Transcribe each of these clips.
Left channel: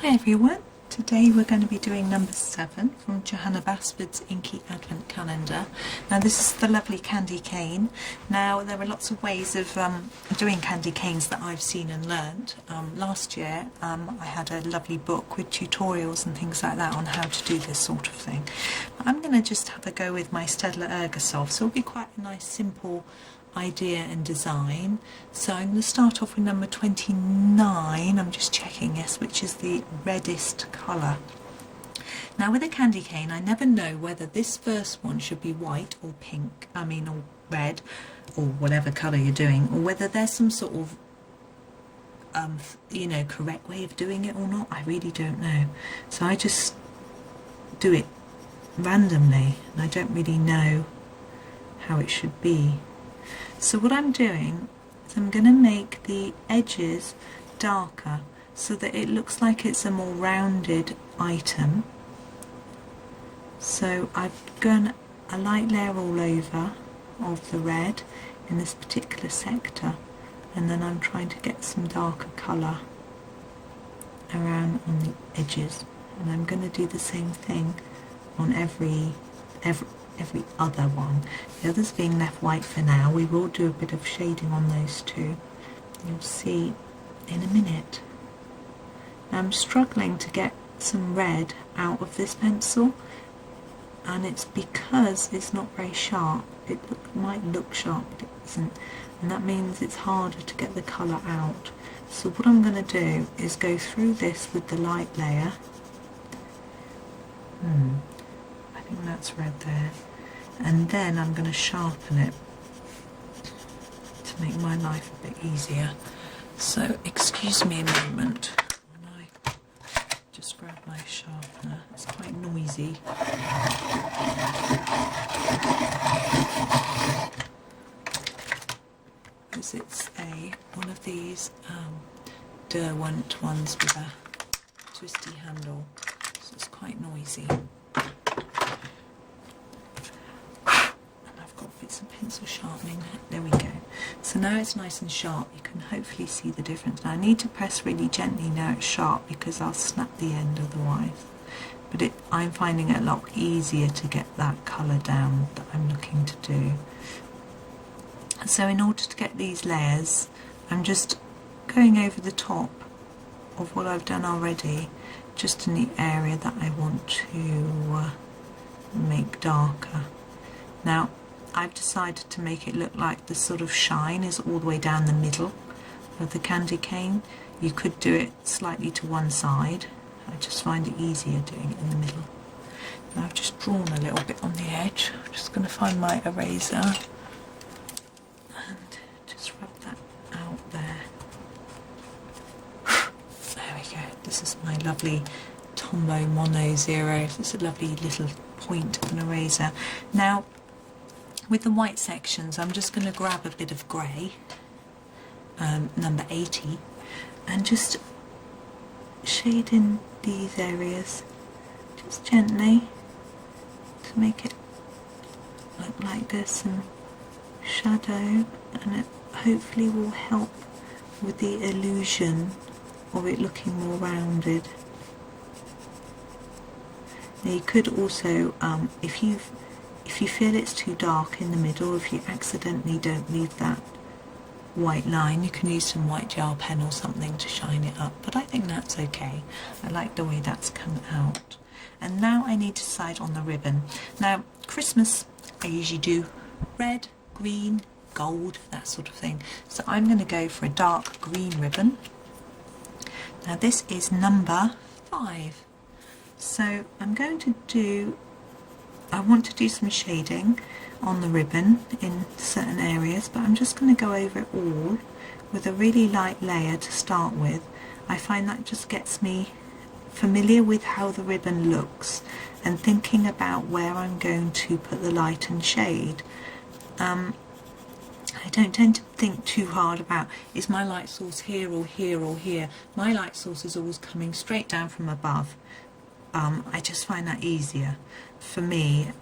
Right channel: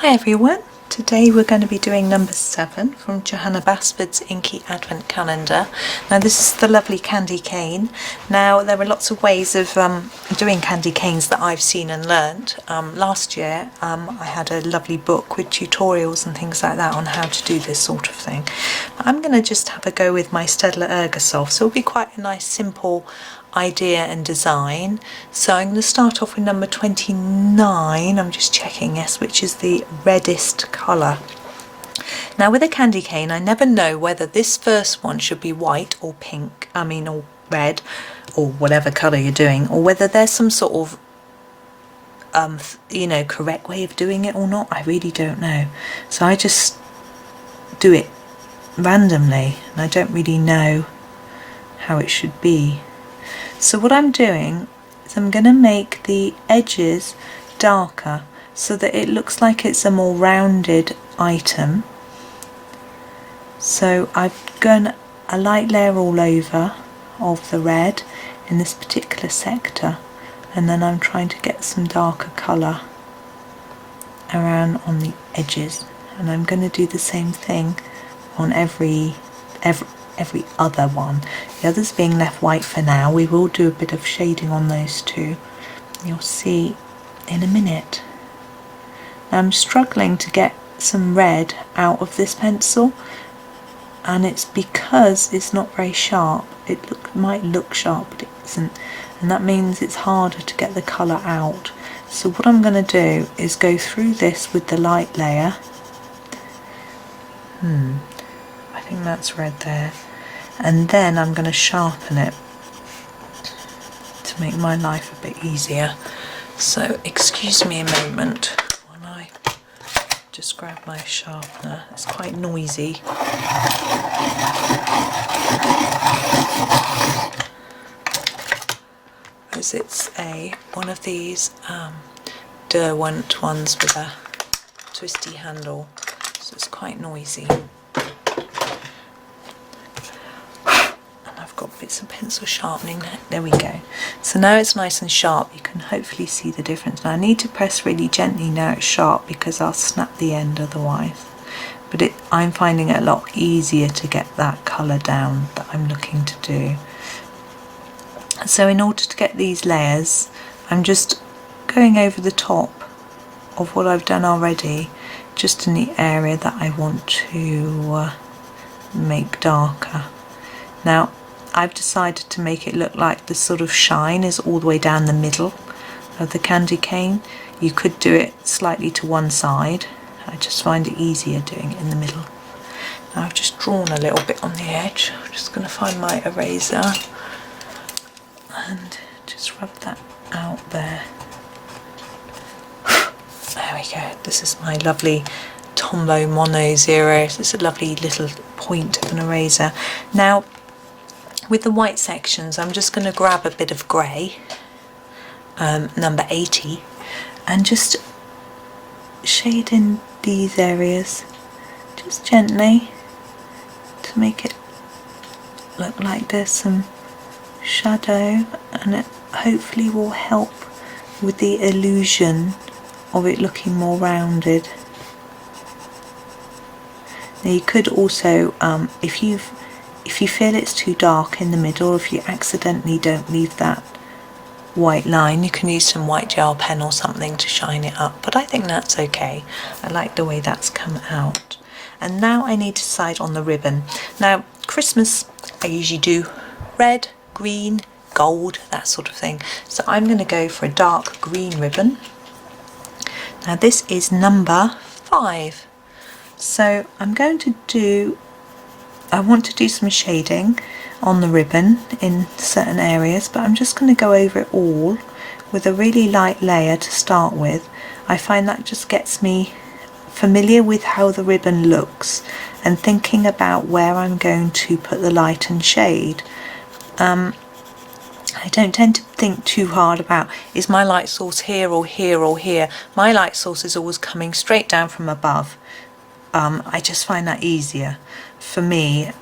Hi everyone, today we're going to be doing number 7 from Johanna Basford's Inky Advent Calendar. Now this is the lovely candy cane. Now there are lots of ways of doing candy canes that I've seen and learnt. Last year I had a lovely book with tutorials and things like that on how to do this sort of thing. But I'm going to just have a go with my Staedtler Ergosoft, so it'll be quite a nice simple idea and design. So I'm going to start off with number 29, I'm just checking, yes, which is the reddest colour. Now with a candy cane I never know whether this first one should be white or pink, or red, or whatever colour you're doing, or whether there's some sort of correct way of doing it or not. I really don't know, so I just do it randomly and I don't really know how it should be. So what I'm doing is I'm going to make the edges darker so that it looks like it's a more rounded item. So I've done a light layer all over of the red in this particular sector, and then I'm trying to get some darker colour around on the edges, and I'm going to do the same thing on every other one. The others being left white for now. We will do a bit of shading on those two, you'll see in a minute. Now I'm struggling to get some red out of this pencil, and it's because it's not very sharp. It might look sharp but it isn't, and that means it's harder to get the colour out. So what I'm going to do is go through this with the light layer. I think that's red there, and then I'm going to sharpen it to make my life a bit easier. So excuse me a moment when I just grab my sharpener. It's quite noisy. Because it's one of these Derwent ones with a twisty handle, so it's quite noisy. Got bits of pencil sharpening. There we go. So now it's nice and sharp. You can hopefully see the difference. Now I need to press really gently now it's sharp because I'll snap the end otherwise. But I'm finding it a lot easier to get that colour down that I'm looking to do. So in order to get these layers, I'm just going over the top of what I've done already, just in the area that I want to make darker. Now I've decided to make it look like the sort of shine is all the way down the middle of the candy cane. You could do it slightly to one side. I just find it easier doing it in the middle. Now I've just drawn a little bit on the edge. I'm just going to find my eraser and just rub that out there. There we go. This is my lovely Tombow Mono Zero. It's a lovely little point of an eraser. Now with the white sections, I'm just going to grab a bit of grey, number 80, and just shade in these areas, just gently, to make it look like there's some shadow, and it hopefully will help with the illusion of it looking more rounded. Now you could also, if you feel it's too dark in the middle, if you accidentally don't leave that white line, you can use some white gel pen or something to shine it up, but I think that's okay. I like the way that's come out. And now I need to decide on the ribbon. Now Christmas I usually do red, green, gold, that sort of thing, so I'm going to go for a dark green ribbon. Now this is number 5, so I'm going to do, I want to do some shading on the ribbon in certain areas, but I'm just going to go over it all with a really light layer to start with. I find that just gets me familiar with how the ribbon looks and thinking about where I'm going to put the light and shade. I don't tend to think too hard about, is my light source here or here or here? My light source is always coming straight down from above. I just find that easier for me.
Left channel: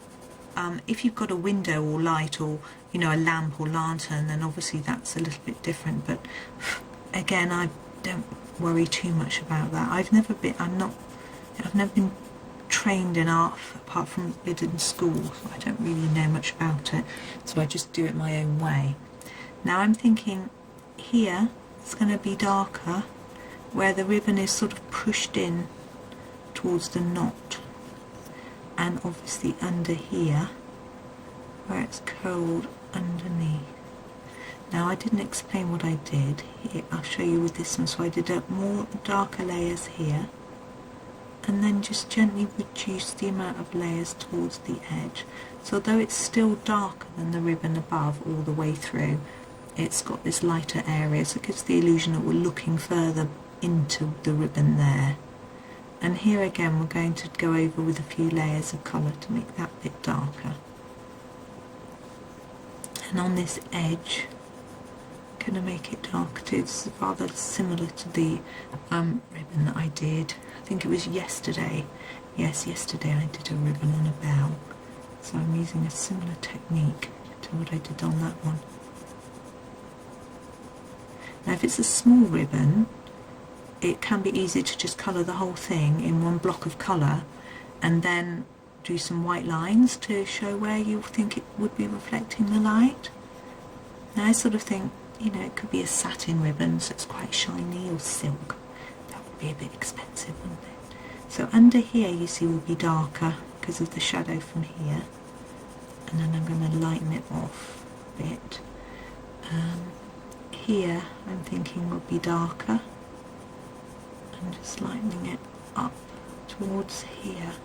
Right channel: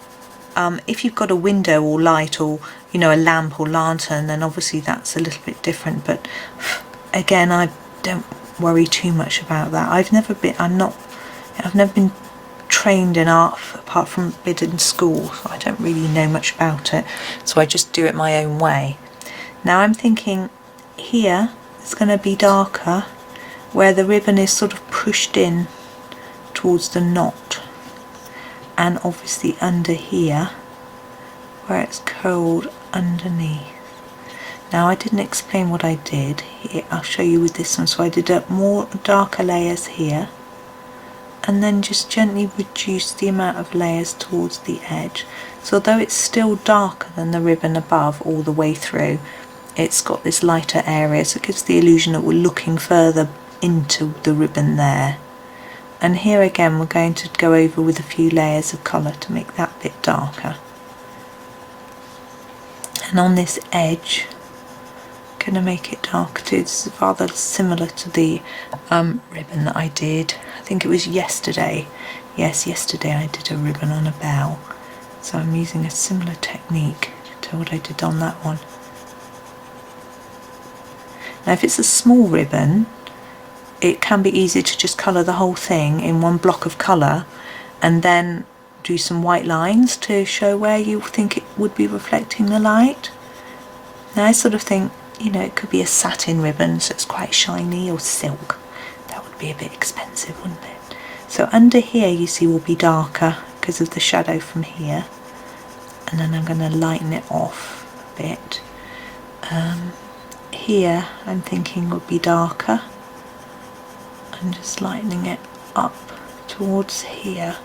If you've got a window or light, or a lamp or lantern, then obviously that's a little bit different, but again I don't worry too much about that. I've never been trained in art apart from a bit in school, so I don't really know much about it, so I just do it my own way. Now I'm thinking here it's going to be darker where the ribbon is sort of pushed in towards the knot, and obviously under here where it's curled underneath. Now I didn't explain what I did here. I'll show you with this one. So I did up more darker layers here, and then just gently reduce the amount of layers towards the edge. So although it's still darker than the ribbon above all the way through, it's got this lighter area, so it gives the illusion that we're looking further into the ribbon there. And here again we're going to go over with a few layers of colour to make that bit darker. And on this edge, I'm going to make it darker too. This is rather similar to the ribbon that I did. I think it was yesterday. Yes, yesterday I did a ribbon on a bell. So I'm using a similar technique to what I did on that one. Now if it's a small ribbon, it can be easy to just colour the whole thing in one block of colour and then do some white lines to show where you think it would be reflecting the light. Now I sort of think, you know, it could be a satin ribbon, so it's quite shiny, or silk. That would be a bit expensive, wouldn't it? So under here you see will be darker because of the shadow from here, and then I'm going to lighten it off a bit. Here I'm thinking would be darker. I'm just lightening it up towards here.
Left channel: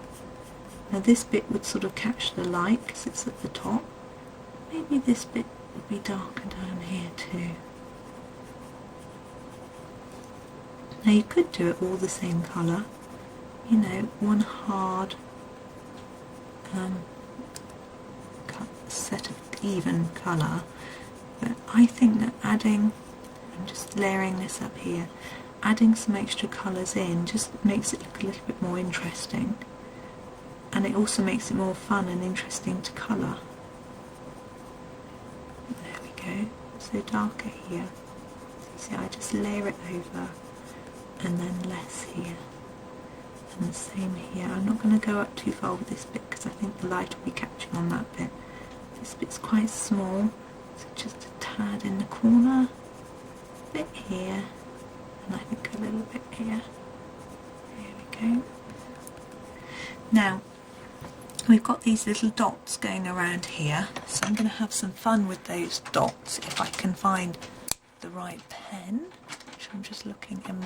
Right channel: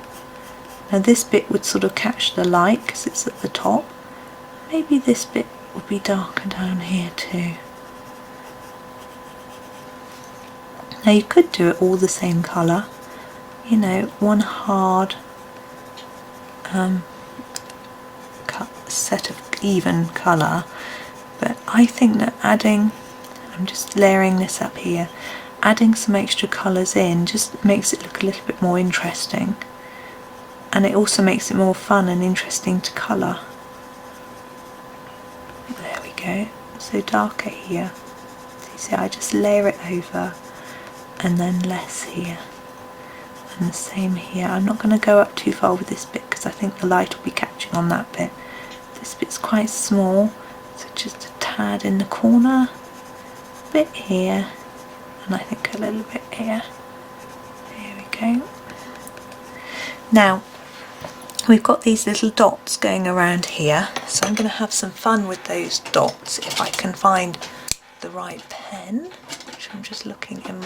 Now this bit would sort of catch the light because it's at the top. Maybe this bit would be darker down here too. Now you could do it all the same colour, you know, one hard set of even colour, but I think that adding, I'm just layering this up here, adding some extra colours in just makes it look a little bit more interesting, and it also makes it more fun and interesting to colour. There we go, so darker here. So you see I just layer it over and then less here, and the same here. I'm not going to go up too far with this bit because I think the light will be catching on that bit. This bit's quite small, so just a tad in the corner, a bit here, and I think a little bit here. Here we go. Now we've got these little dots going around here, so I'm going to have some fun with those dots if I can find the right pen, which I'm just looking in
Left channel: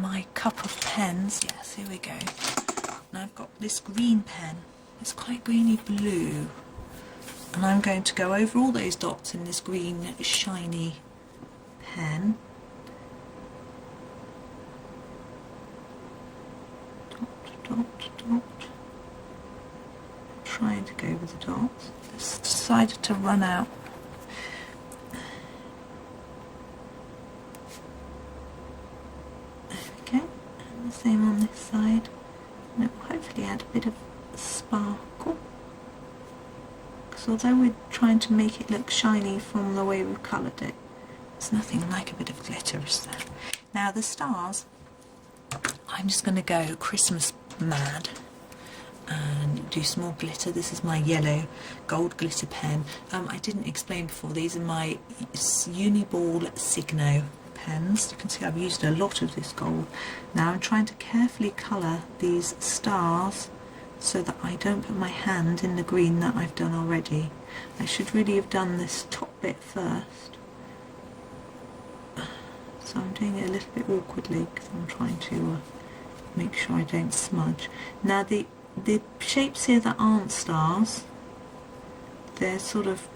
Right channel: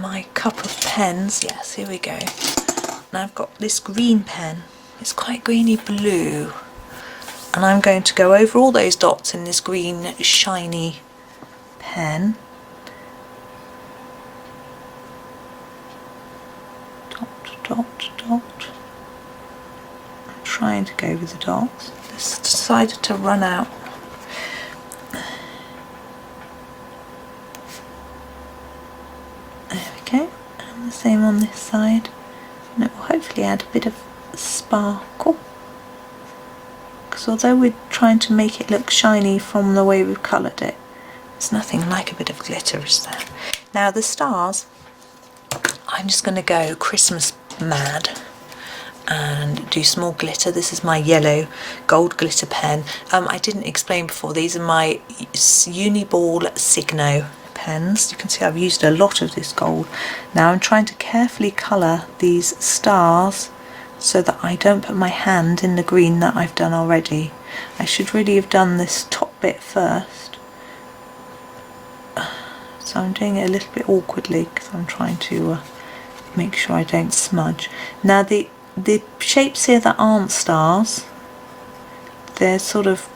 my cup of pens. Yes, here we go. Now I've got this green pen. It's quite greeny blue, and I'm going to go over all those dots in this green shiny pen. Dot, dot, dot. I'm trying to go with the dots. This decided to run out. There we go. And the same on this side. And it will hopefully add a bit of sparkle. Because although we're trying to make it look shiny from the way we've coloured it, there's nothing like a bit of glitter, is there? Now the stars, I'm just going to go Christmas mad and do small glitter. This is my yellow gold glitter pen. I didn't explain before, these are my Uniball Signo pens. You can see I've used a lot of this gold. Now I'm trying to carefully colour these stars so that I don't put my hand in the green that I've done already. I should really have done this top bit first. So I'm doing it a little bit awkwardly because I'm trying to make sure I don't smudge. Now the shapes here that aren't stars, they're sort of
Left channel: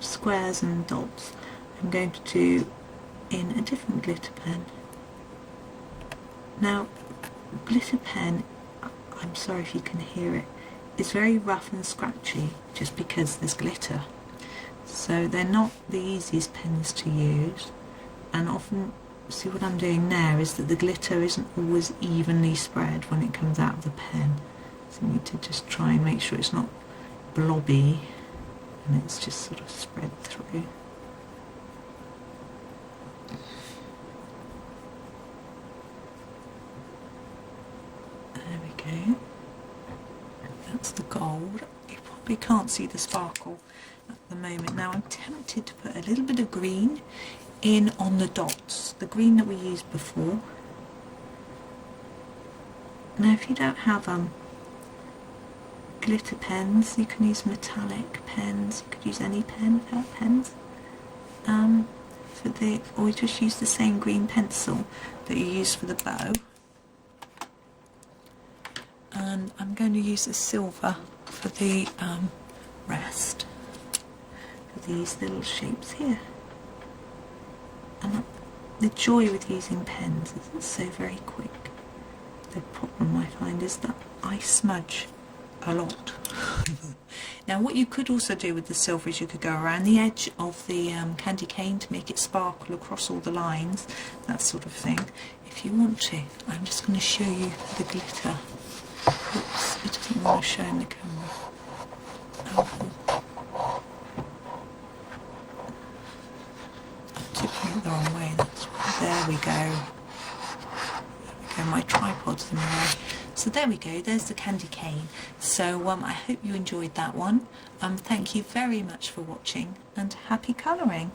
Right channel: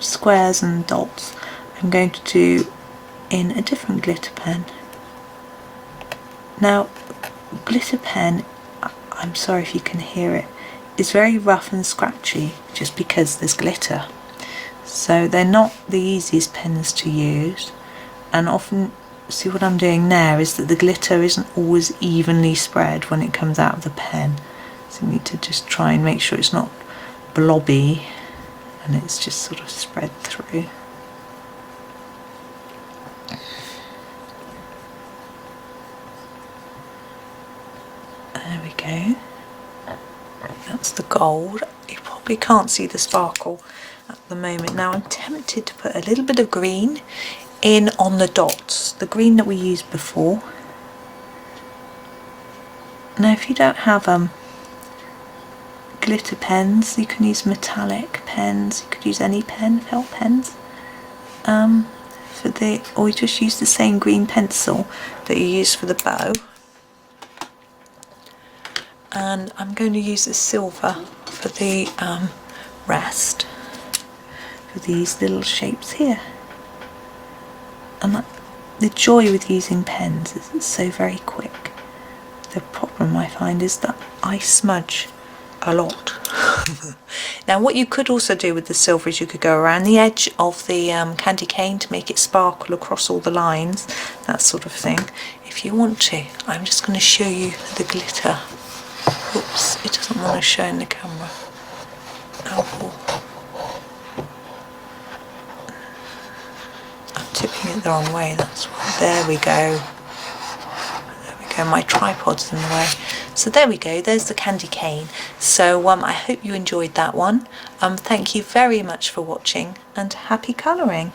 squares and dots, I'm going to do in a different glitter pen. Now glitter pen, I'm sorry if you can hear it, is very rough and scratchy just because there's glitter. So they're not the easiest pens to use, and often, see what I'm doing now is that the glitter isn't always evenly spread when it comes out of the pen. So you need to just try and make sure it's not blobby and it's just sort of spread through. go. That's the gold. You probably can't see the sparkle at the moment. Now I'm tempted to put a little bit of green in on the dots, the green that we used before. Now if you don't have glitter pens, you can use metallic pens, you could use any pen, felt pens, or you just use the same green pencil that you use for the bow. And I'm going to use the silver for the rest, for these little shapes here. And the joy with using pens is it's so very quick. The problem I find is that I smudge a lot. Now what you could also do with the silver is you could go around the edge of the candy cane to make it sparkle across all the lines, that sort of thing, if you want to. I'm just going to show you the glitter. Oops, it doesn't want to show in the camera. Oh. I'm tipping it the wrong way, that's why. There we go. There we go, my tripod's in the way. So there we go, there's the candy cane. So I hope you enjoyed that one. Thank you very much for watching and happy colouring.